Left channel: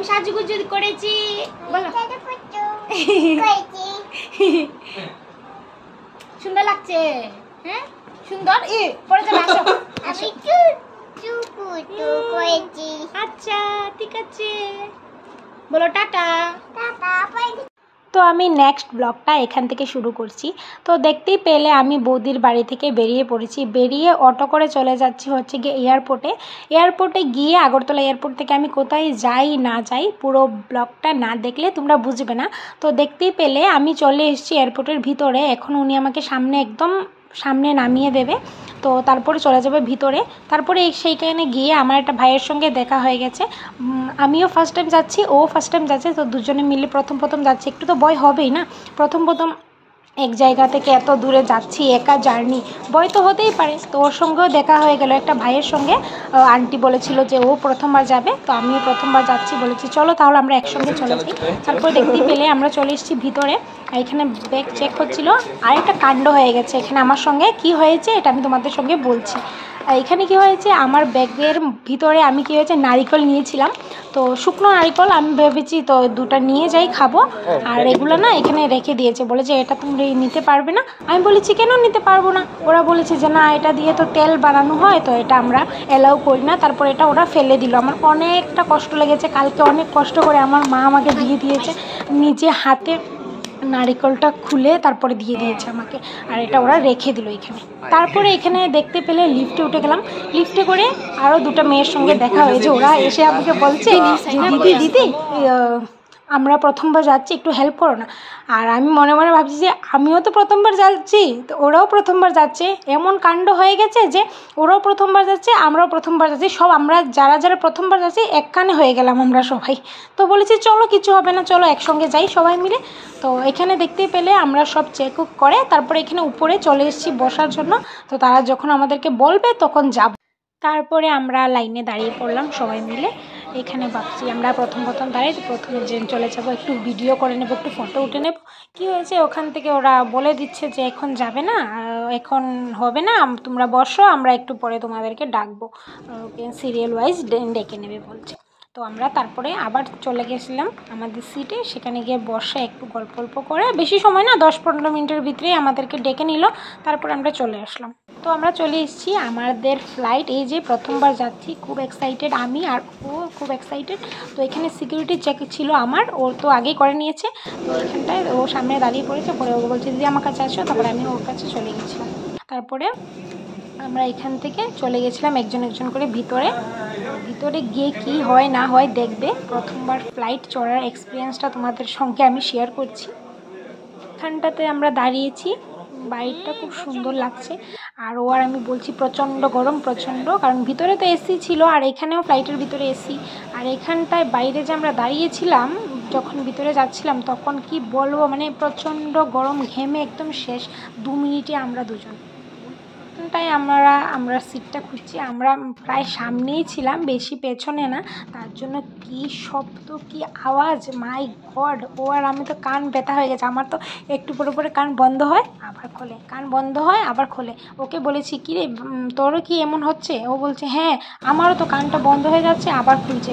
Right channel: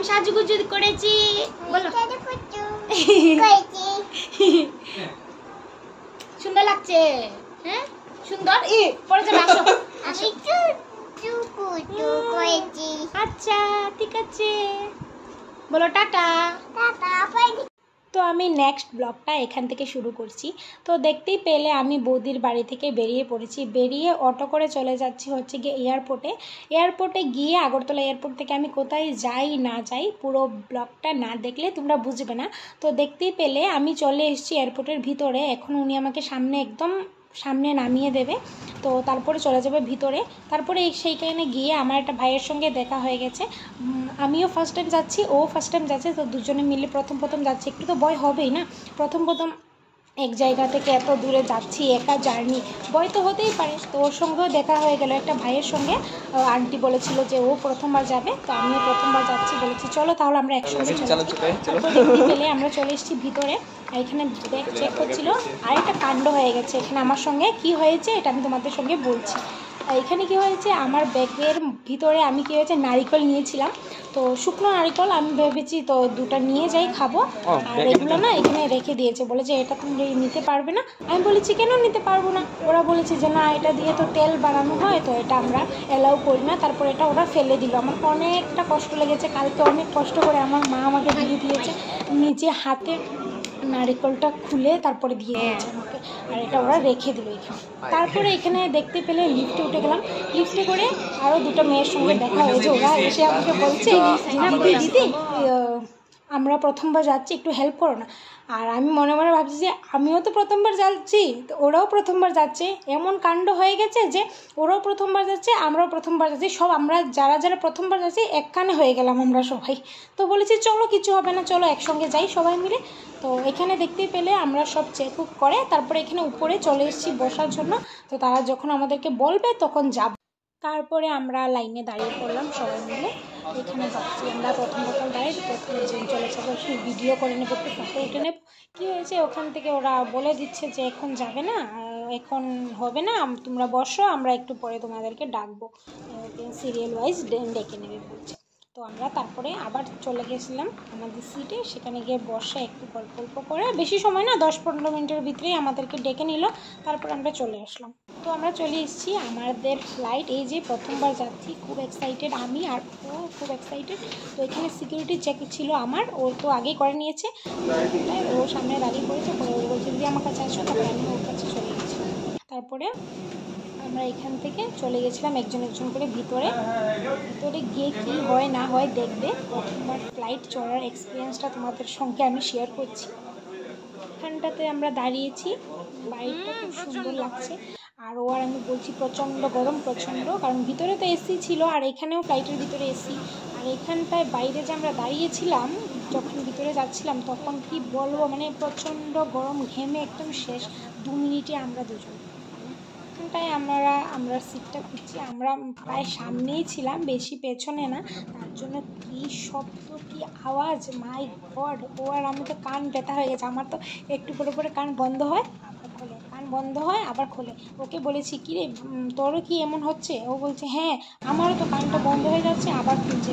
আমি সাজুগুজু করেছি, বলো। সুন্দর লাগছে, হ্যাঁ সুন্দর। পরে যাবে, আসো আসো। আচ্ছা ঠিক আছে, বলো টাটা। তো আমি নেক্সট ব্লগটা এখান থেকে শুরু করছি। তো দেখতেই পেলে আমি বৌদির বাড়ি থেকে বেরিয়ে পড়েছি, বেরিয়ে অটো করে চলে যাচ্ছি হচ্ছে গিয়ে এয়ারপোর্টে গিয়ে আগরতলা এয়ারপোর্ট থেকে আমি কোথায় যাই না যাই পুরো ব্লগটা না দেখলে তোমরা বুঝবে না। তো দেখতেই পেলে আমি চলে এসেছি এয়ারপোর্টের ভিতরে, এখন উনি আমাকে একদম সামনে নামিয়ে দেবে। তো তারপরে চলে যাবে ভিতরে। তারপরে সেইখানে গিয়ে আমার একটা ভাইয়ের সঙ্গে দেখা হয়ে গেছে, আমিও ফার্স্ট টাইম যাচ্ছি, ও ফার্স্ট টাইম যাচ্ছে। তো দুজনে মিলে প্রথম যাচ্ছি, একটু তো ভয় হবেই না, প্রথম এক জায়গা থেকে এত দূরে যাচ্ছি, একা জার্নি, ভয় তো হতেই পারে। তো ওর সঙ্গেও দেখা হয়ে গেল একটা ভাইয়ের সঙ্গে, আন্টি বলেছিল যে ও প্রথমবার যাবে, তো আমিও প্রথমবার যাচ্ছি, বলেছি চলো তাহলে আমরা একসঙ্গে চলেছি। তারপর দেখতে পেলে আমরা চলে এসেছি ভিতরে, এখানে ব্যাগ চেক হচ্ছিল। আর একটা কাণ্ড হয়ে গেছে এখানে আমার সঙ্গে, কি হয়েছে এটা আমি তোমাদের সঙ্গে বলছি। এখানে কি হয়েছে, আমার ব্যাগের ভিতরে আমি কি হয়েছে নারিকেল নিয়েছিলাম, তো শুকনো নারিকেল আমি ভেবেছি তো দুটো নিয়ে যাই খাবো, আর এগুলো না এখানে রেখে দিয়েছে, বলে যে এটা তুমি নিতে পারবে না। আমি বলেছি কেন নিতে পারবো না, ওরা বলেছে যে না এটা দিয়ে তো তেল বানানো হয়, তো এটা আমরা অ্যালাউ করি না। তারপর এটা ওরা ফেলে দিল, আমার অনেকটা কষ্ট লেগেছে, কালকে অনেক কষ্ট করে আমার মা আমাকে দিয়ে দিয়েছে, নিজে হাতে নারিকেলটা খুলে তারপরে দিয়ে দিয়েছে আমাকে, আর এটা ওরা রেখে দিল এখানে। তারপরে এখানে দেখতে পেলে লিফটে উঠে গেলাম, লিফটে করে আরও দুটো মেয়ের সঙ্গে দেখা হয়েছে, ওরা এসে আমাকে বলছে দিদি আমরা প্রথমবার যাচ্ছি, একটু হেল্প করো না। আর আমি মনে মনে ভাবছি যে আমিও তো প্রথমবার যাচ্ছি, তো ওরাও প্রথমবার যাচ্ছে, এমন কাণ্ড হয়ে গেছে যে ওরাও প্রথমবার যাচ্ছে আমরাও প্রথমবার যাচ্ছি, সব আমরা যারা প্রথমবার যাচ্ছি এক কানে হয়ে গেলাম আমরা সবাই। তো বলেছি চলো কিছু হবে না, চলো একসঙ্গে যাই সবাই মিলে। তো এখানে দেখতে পেলে আমরা সব চেক করে তারপরে এখানে উপরে চলে এসেছি বসার জন্য। তো তারা যখন আমাদেরকে বলবে তখন যাব। তারপরে আমরা লাইনে দাঁড়িয়ে পড়লাম সবাই মিলে, এখানে ভাবছি আমরা প্রথম দাঁড়িয়ে প্রথমে চলে যাবো, একটু ভিডিও করে নেবো, একটু ফটো উঠে নেব। কী হয়েছে ওখান থেকে ওরা বলে দিচ্ছে যে এখন যাবে না, এখন হবে না, তোমরা বসো, আমরা একটু পরে তোমাদেরকে ডাকবো, সিরিয়াল ওয়াইজ ডেকে নেবে বলছে। তো আমরা তারপরে আবার চলে গেছিলাম আমাদের সিটে, সেখানে গিয়ে বসে একটু গল্প করে, বেশি সময় না 10-15 মিনিটের ভিতরেই আমাদেরকে ডেকে নিল, তারপর আমরা চলে আসলাম। তো আমরা চলে এসেছি, আমাদের ফ্লাইট, এই যে প্রথমবার যাচ্ছি, খুব এক্সাইটেড আমি, আর ও খুব এক্সাইটেড। তো এখানে সিকিউরিটি চেক ছিল আমার, ও তো আগেই করে নিয়েছে, তো এখানটায় ও সামনে দাঁড়িয়ে পড়েছে, পরে ও বলছে দিদি আমার কাছে আসো, তারপরে আমি ওর কাছে চলে গেছিলাম। তারপরে আমরা এখান থেকে চলে গেছিলাম একজন করে ভিতরে গিয়ে কি হয় না হয় দেখবে। প্রথমবার ফ্লাইট চড়ার এক্সপিরিয়েন্সটা তোমাদের সঙ্গে আমি শেয়ার করছি। এখানটাতে আমরা দাঁড়িয়েছি, বাইকটা খুব সুন্দর লাগছে, আর ও আর আমি বলছি প্রচণ্ড গরম, প্রচণ্ড, কারণ ভিতরে তো এসি ছিল, আর এখানেও ফ্লাইটের ভিতরে এসি। আর এখানটায় বাইরে যে আমরা দাঁড়িয়েছিলাম যখন ভিতরে যাচ্ছিলাম তখন কি বলবো, মানে প্রচণ্ড গরম, ঘেমে একদম শেষ, 2 মিনিটে আমরা দুজন। তাই আমরা সিটটা খুঁজছি, আমরা প্রায় সামনেই ছিলাম, বেশি পেছনে না, তার জন্য কি শব্দ, কি আওয়াজ, মাই গড। ও আর আমি তো কান ব্যথা হয়ে গেছে, আমার তো একটু পরে কান বন্ধ হয় আবার খোলে, কান বন্ধ হয় আবার খোলে। ওকে বলেছি কি রে তোরও কি এমন হচ্ছে, ও বলছে হ্যাঁ আমারও তো কানটা বন্ধ হয়ে যাচ্ছে আবার খুলছে।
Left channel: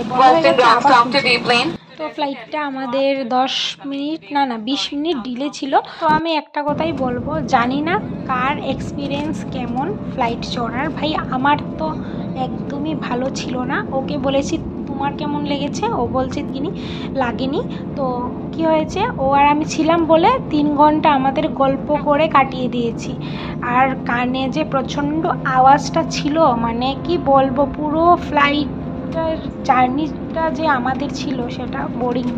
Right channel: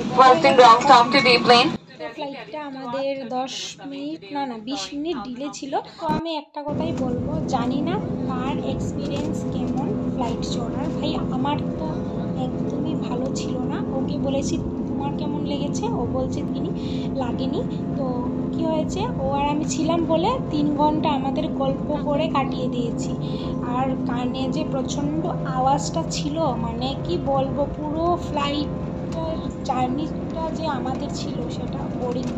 তো ফ্লাইটটা আমাদের 10 মিনিট না 20 মিনিট ডিলে ছিল। তো আমি একটা কথাই বলবো, জানি না কার এক্সপিরিয়েন্স কেমন ফ্লাইট চড়ার, ভাই আমার তো একদমই ভালো ছিল না। ওকে বলেছি তোমার কেমন লেগেছে, ও বলছে তিনি লাগেনি। তো কি হয়েছে, ও আর আমি ছিলাম বলে 3 ঘন্টা আমাদের গল্প করে কাটিয়ে দিয়েছি। আর কানে যে প্রচণ্ড আওয়াজটা ছিল, মানে কি বলবো, পুরো ফ্লাইটটার জার্নিটা যে আমাদের ছিল সেটা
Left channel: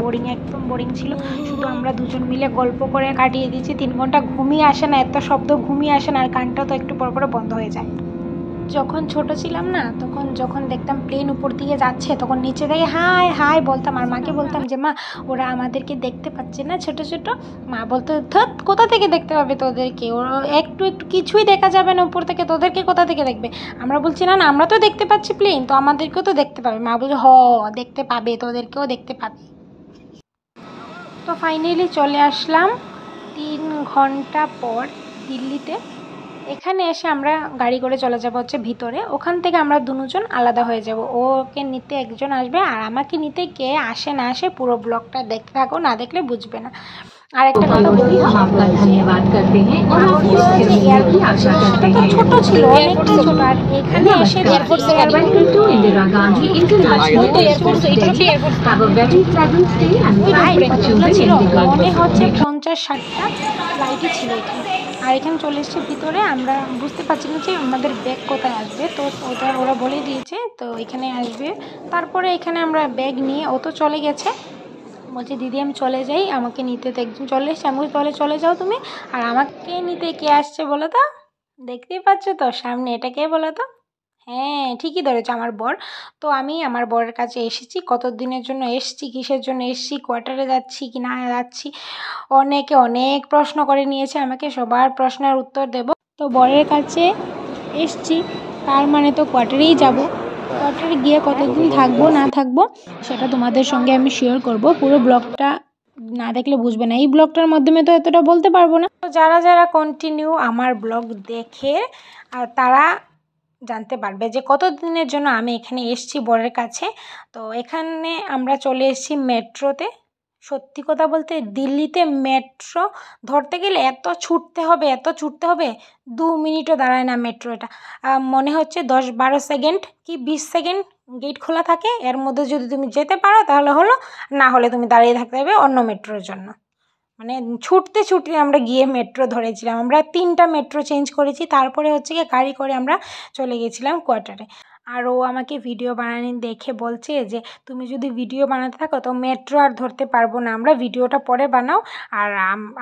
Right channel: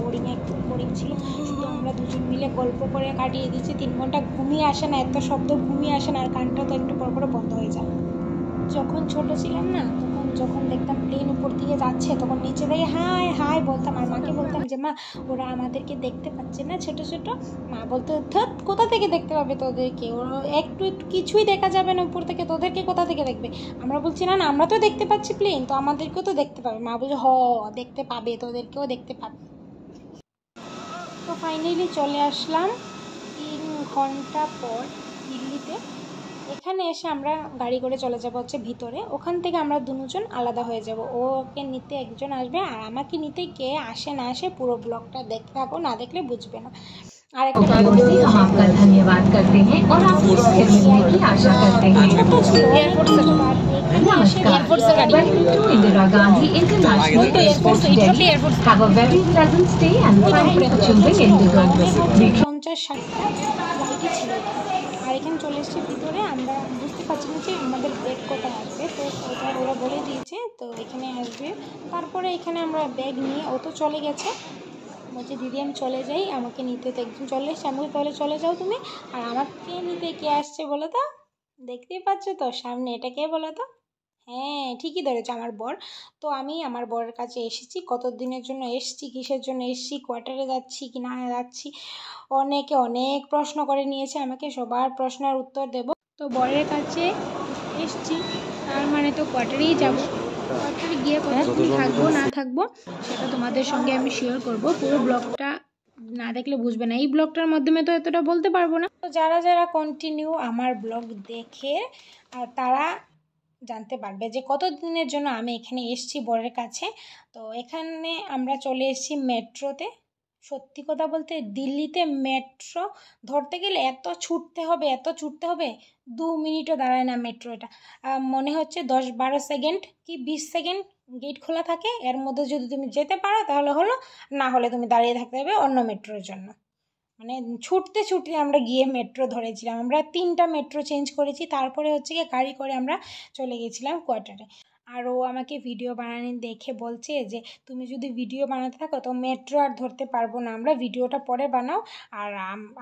বোরিং একদম বোরিং ছিল। শুধু আমরা দুজন মিলে গল্প করে কাটিয়ে দিয়েছি 3 ঘন্টা। ঘুমিয়ে আসে না, এত শব্দ ঘুমিয়ে আসে না, আর কানটা তো একটু পর বন্ধ হয়ে যায়। যখন ছোট ছিলাম না, তখন যখন দেখতাম প্লেন উপর দিয়ে যাচ্ছে তখন নিচে থেকে হাই হাই বলতাম, আর মাকে বলতাম যে মা ওরা আমাদেরকে দেখতে পাচ্ছে না ছোট ছোট। মা বলতো ধত কোথা থেকে দেখতে পাবে তোদেরকে, ওরা একটু কিছুই দেখা যাবে না উপর থেকে, তোদেরকে কোথা থেকে দেখবে। আমরা বলছি না আমরা তো দেখতে পাচ্ছি প্লেন, তো আমাদেরকেও তো দেখতে পাবে। মা বলছে দেখতে পাবে, তোদেরকেও দেখতে পাবে। তো ফাইনালি চলে আসলাম 3 ঘন্টা পর দিল্লিতে। এখানে এসে আমরা গাড়ি করে চলে যাব হচ্ছে ভিতরে, ওখান থেকে আমরা দুজন আলাদা হয়ে যাব। ওকে নিতে একজন আসবে আর আমাকে নিতে কে আসে না আসে পুরো ব্লগটা দেখতে থাকো, না দেখলে বুঝবে না। আর একটা কথা বলি, आपका धन्यवाद करते हैं और आपकी सहयोग की आशा करते हैं। ছোট ছিল আর এখানে এসে airport to Indira Gandhi international airport airport have a very pleasant stay and thank you for choosing IndiGo. মনে হচ্ছে 50-60টা ফ্লাইটই ছিল এখানে। আর এখানে চলে এসেছি ভিতরে, আমরা বুঝতে পারছি না যে আমাদের ব্যাগ কোথায় আসবে, তো ওরা বলে দিয়েছে তো এখানে আসবে। তারপরে এখানে আমরা ব্যাগ নিয়ে ও তো চলে গেছে, বলছে দিদি আমি চলে যাই, আমাকে নিতে তো একজন চলে এসছে। আমি চলে যাও তুমি। আর আমাকে নিতে কে আসছে বলো তো? দেখতেই পাচ্ছ তো সামনে, এটা কে বলো তো? হ্যাঁ ঠিকই ধরেছে, আমার বর। তো আমি আমার বরের কাছে এসেছি। কত দিনের জন্য এসেছি, কিসের জন্য এসেছি, কোয়ার্টারে যাচ্ছি কি না যাচ্ছি, অনেকে অনেক প্রশ্ন করে নিয়েছে আমাকে, সবার প্রশ্নের উত্তর দেব। তো বরের কাছে এসেছি, তার মানে তো কোয়ার্টারেই যাব। কোয়ার্টারে গিয়ে কতদিন থাকবো না থাকবো সেটা তোমাদের সঙ্গে আমি শেয়ার করব। পুরো ব্লগটা না দেখলে বুঝবে না, এই ব্লগটার মাধ্যমে তো এতটা বলতে পারবো না। তো যারা কন্টিনিউ আমার ব্লগ দেখে তারা জানতে পারবে যে কত দিনের জন্য আমি এখানে এসেছি বরের কাছে। তো এখানে আমরা চলে এসেছি মেট্রোতে। সত্যি কথা বলতে দিল্লিতে মেট্রো ধরতে গেলে এত ছুটতে হবে 2 মিনিটও দাঁড়ায় না মেট্রো। এটা মনে হচ্ছে 10-12 সেকেন্ড কি 20 সেকেন্ড গেট খোলা থাকে, এর মধ্যে যদি তুমি যেতে পারো তাহলে হলো, না হলে তুমি দাঁড়িয়ে থাকতে হবে অন্য মেট্রোর জন্য। মানে ছুটতে আমরা গিয়ে মেট্রো ধরেছিলাম। আমরা 3টা মেট্রো চেঞ্জ করেছি, তারপরে হচ্ছে গিয়ে গাড়ি করে আমরা চলে গেছিলাম কোয়ার্টারে। আর ও আমাকে ভিডিও বানানি দেখে বলছে যে তুমি যদি ভিডিও বানাতে থাকো তো মেট্রো আর ধরতে পারবো না আমরা, ভিডিওটা পরে বানাও আর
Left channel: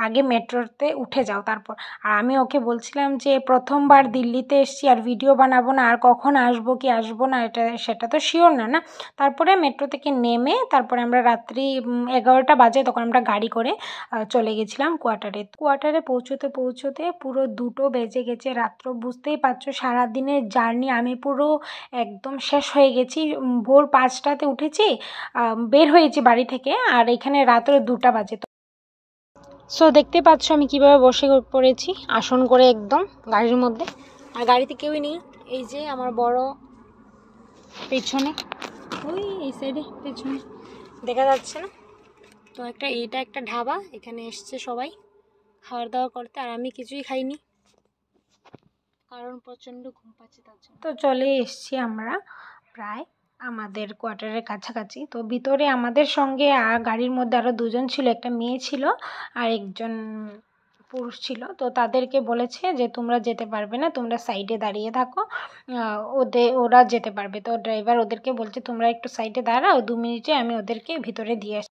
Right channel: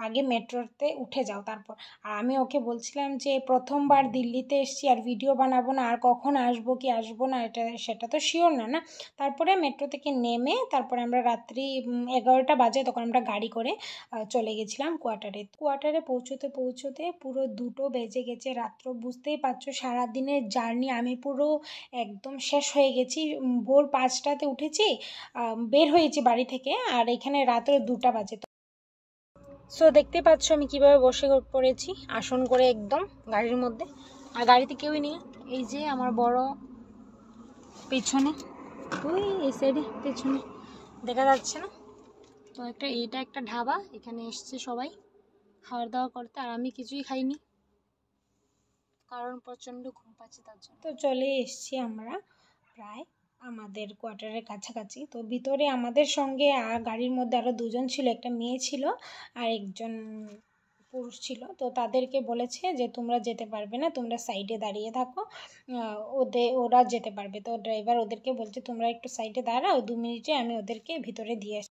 আগে মেট্রোতে উঠে যাও তারপর। আর আমি ওকে বলছিলাম যে প্রথমবার দিল্লিতে এসেছি আর ভিডিও বানাবো না, আর কখন আসবো কি আসবো না সেটা তো শিওর না। তারপরে মেট্রো থেকে নেমে তারপরে আমরা রাত্রি 11টা বাজে তখন আমরা গাড়ি করে চলে গেছিলাম কোয়ার্টারে পৌঁছতে পুরো 2টো বেজে গেছে রাত্র। বুঝতেই পারছো সারাদিনের জার্নি আমি পুরো একদম শেষ হয়ে গেছি। ভোর 5টাতে উঠেছি, বের হয়েছি বাড়ি থেকে, আর এখানে রাত্র 2টা বাজে। সো দেখতে পাচ্ছ আমি কিভাবে বসে পড়েছি আসন করে একদম গাড়ির মধ্যে, আর গাড়িতে কেউই নেই। এই যে আমার বড় পেছনে, ওই এই সাইডে পেছনে দেখা যাচ্ছে না তো, এটা একটা ঢাবা, এখানে এসছে সবাই খাওয়া দাওয়া করতে, আর আমি কিছুই খাইনি কারণ প্রচণ্ড ঘুম পাচ্ছে তার জন্য। তো চলে এসছি আমরা প্রায় আমাদের কোয়ার্টারের কাছাকাছি। তো ভিতরে আমাদের সঙ্গে গাড়ির মধ্যে আরও 2জন ছিল, একটা মেয়ে ছিল আর একজন পুরুষ ছিল। তো তাদেরকে বলেছে যে তোমরা যেতে পারবে না, তোমরা সাইডে দাঁড়িয়ে থাকো, ওরা যেতে পারবে। তো ড্রাইভার ওদেরকে বলছে তোমরা একটু সাইডে দাঁড়াও, 2 মিনিটে আমি ওদেরকে ভিতরে দিয়ে আসি।